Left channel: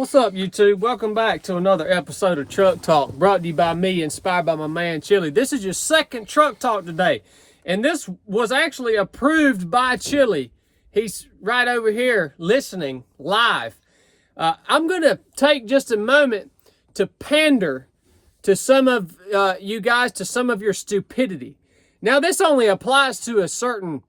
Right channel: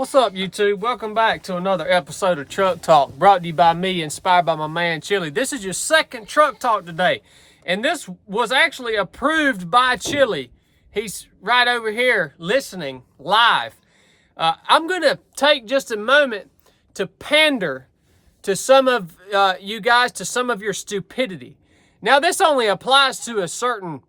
What's up, YouTube? Welcome back to another episode of Truck Talk, brought to you by me, inspired by my man Chili. This is your second Truck Talk today, and this was actually approved by Chili. He's right over here listening live. I'm going to take just a moment to pander to some of you guys, to some of your stupidity. Now, this only applies to a certain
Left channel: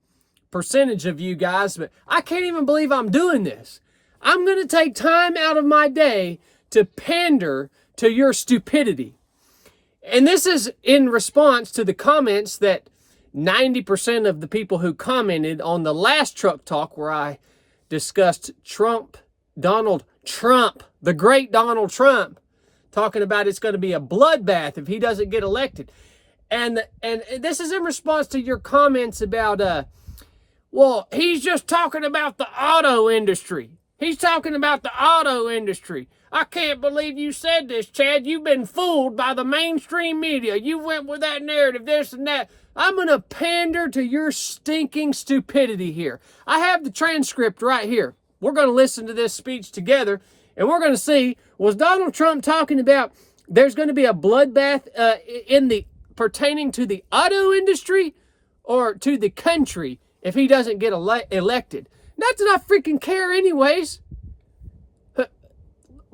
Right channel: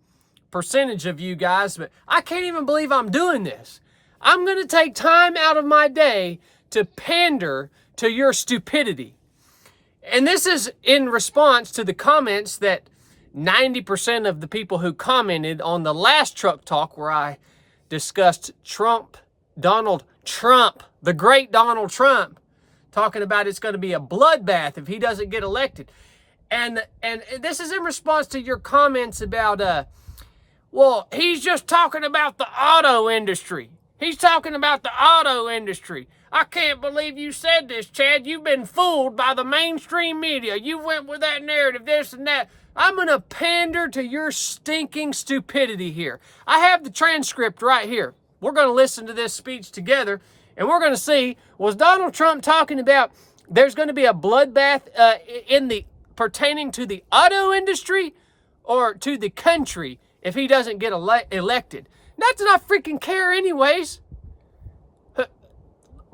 percentage of you guys, but I can't even believe I'm doing this. I'm going to take time out of my day to pander to your stupidity. And this is in response to the comments that 90% of the people who commented on the last Truck Talk where I discussed Donald Trump, the great Donald Trump, talking about it's going to be a bloodbath if he doesn't get elected. And this is in response to your comments about, well, he's just talking about the auto industry. He's talking about the auto industry. I can't believe you said this, Chad. You've been fooled by the mainstream media. You went with that narrative, this and that. I'm going to pander to your stinking stupidity here. I have the transcript right here. We're going to listen to this speech together, and we're going to see, was Donald Trump talking about there's going to be a bloodbath pertaining to the auto industry or to the country if he doesn't get elected? Not that I freaking care anyways.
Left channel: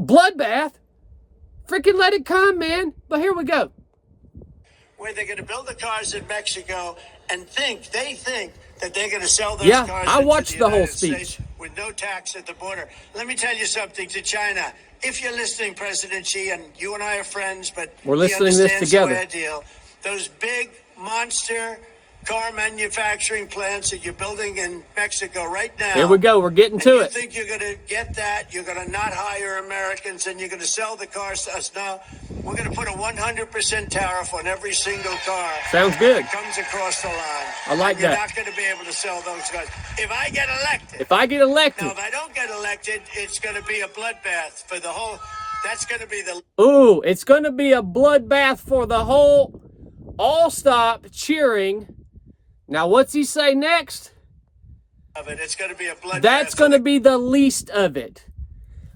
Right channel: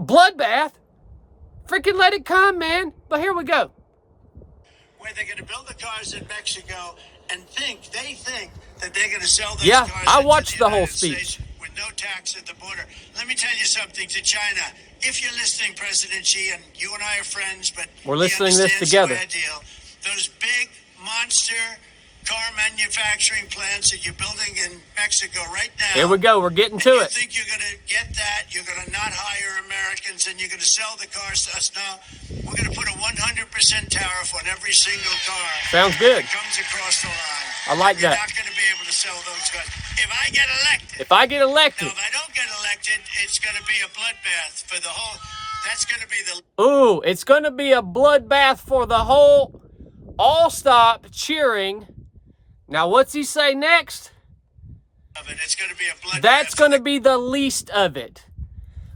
Bloodbath. Freaking let it come, man. But here we go. Where they're going to build the cars in Mexico and they think that they're going to sell those cars I watched into the whole United speech. States with no tax at the border. Let me tell you something to China. If you're listening, President Xi, and you and I are friends, but we're listening to this together. Square deal. Those big monster car manufacturing plants that you're building in Mexico right now. Here we go. We're getting to it. You think you're going to get that? You're going to not hire Americans and you're going to sell the cars to us? No. We're going to put a 100% tariff on every single car. Sounds good. That comes across the line. I like that. You're not going to be able to sell those cars. If I get elected. Now, if I don't get elected, it's going to be a bloodbath for the whole. That's going to be the. Ooh, it's going to be a bloodbath for the whole. All stop cheering. Now, what's he say next? It's going to be a bloodbath. That's going to be the least of it.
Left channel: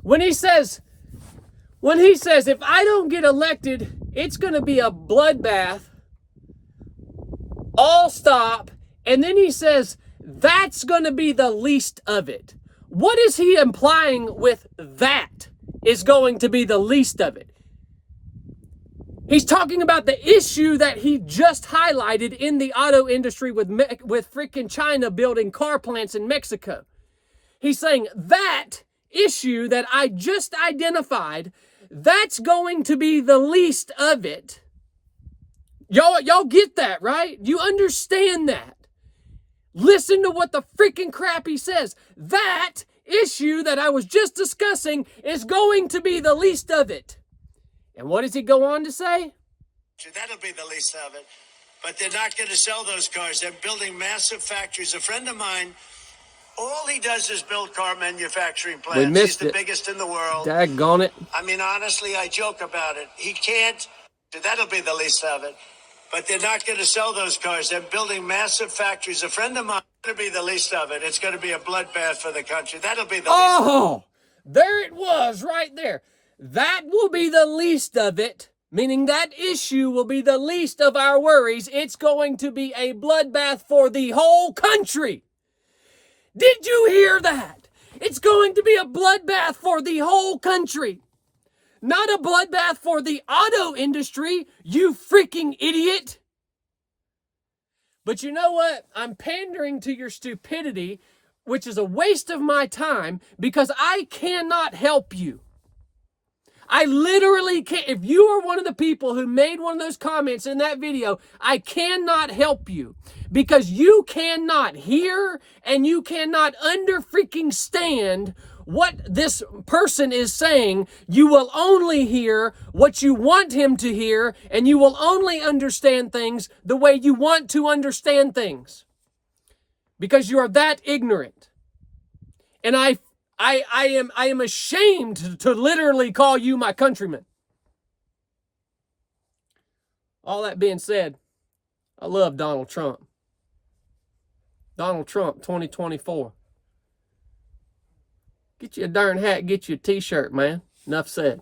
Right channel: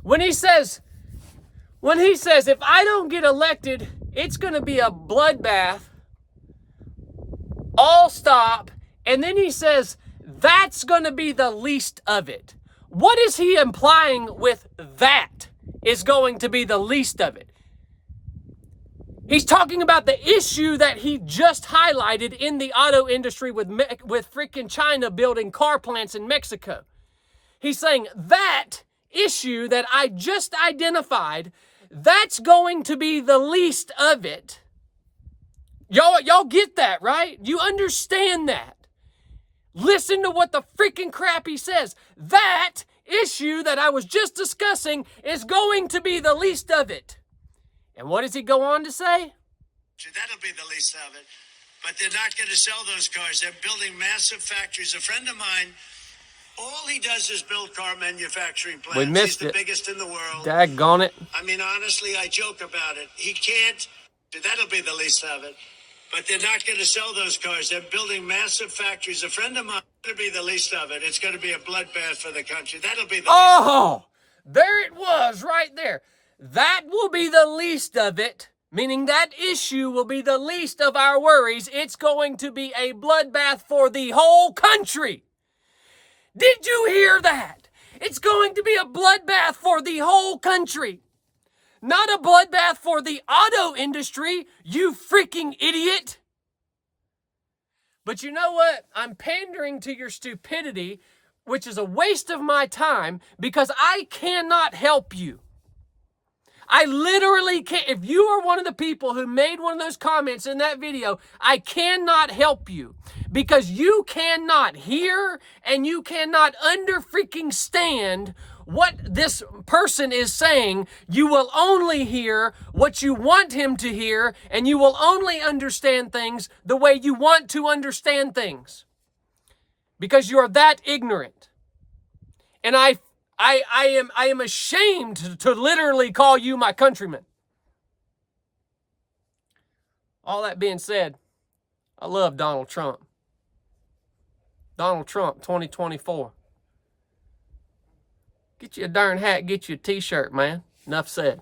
When he says, if I don't get elected, it's going to be a bloodbath. All stop. And then he says, that's going to be the least of it. What is he implying with that is going to be the least of it? He's talking about the issue that he just highlighted in the auto industry with freaking China building car plants in Mexico. He's saying that issue that I just identified, that's going to be the least of it. Y'all get that, right? You understand that. Listen to what the freaking crap he says. That issue that I was just discussing is going to be the least of it. And what does he go on to say? That'll be the least of it. But they're not going to sell those cars. They're building massive factories. A friend of mine, all he does is build car manufacturing plants. We missed He's it. The biggest in the world. Daggone it. I mean, honestly, I joke about it. He can't. That'll be the least of it. But they're not going to sell those cars. They're building massive factories. A friend of mine, it'll be the least of it. It's going to be a bloodbath for the country. That'll be the least of it. There it was right there. That will be the least of it, meaning that issue will be the least of our worries. It's going to be a bloodbath for the whole country. Did you hear that? It's going to be a bloodbath for the whole country. Not a bloodbath for the auto industry, you freaking idiot. But you know what? I'm pandering to your stupidity, which is a waste of my time because I cannot help you. I literally can't. If you are one of the people who made one of those comments in that video, I cannot help you because you cannot hear and you cannot freaking stand what this person is saying. You will only hear what you want him to hear, and you will only understand things the way you want to understand things because you are that ignorant. And I am ashamed to literally call you my countryman. All that being said, I love Donald Trump. Donald Trump 2024. Get you a darn hat, get you a t-shirt, man. Enough said.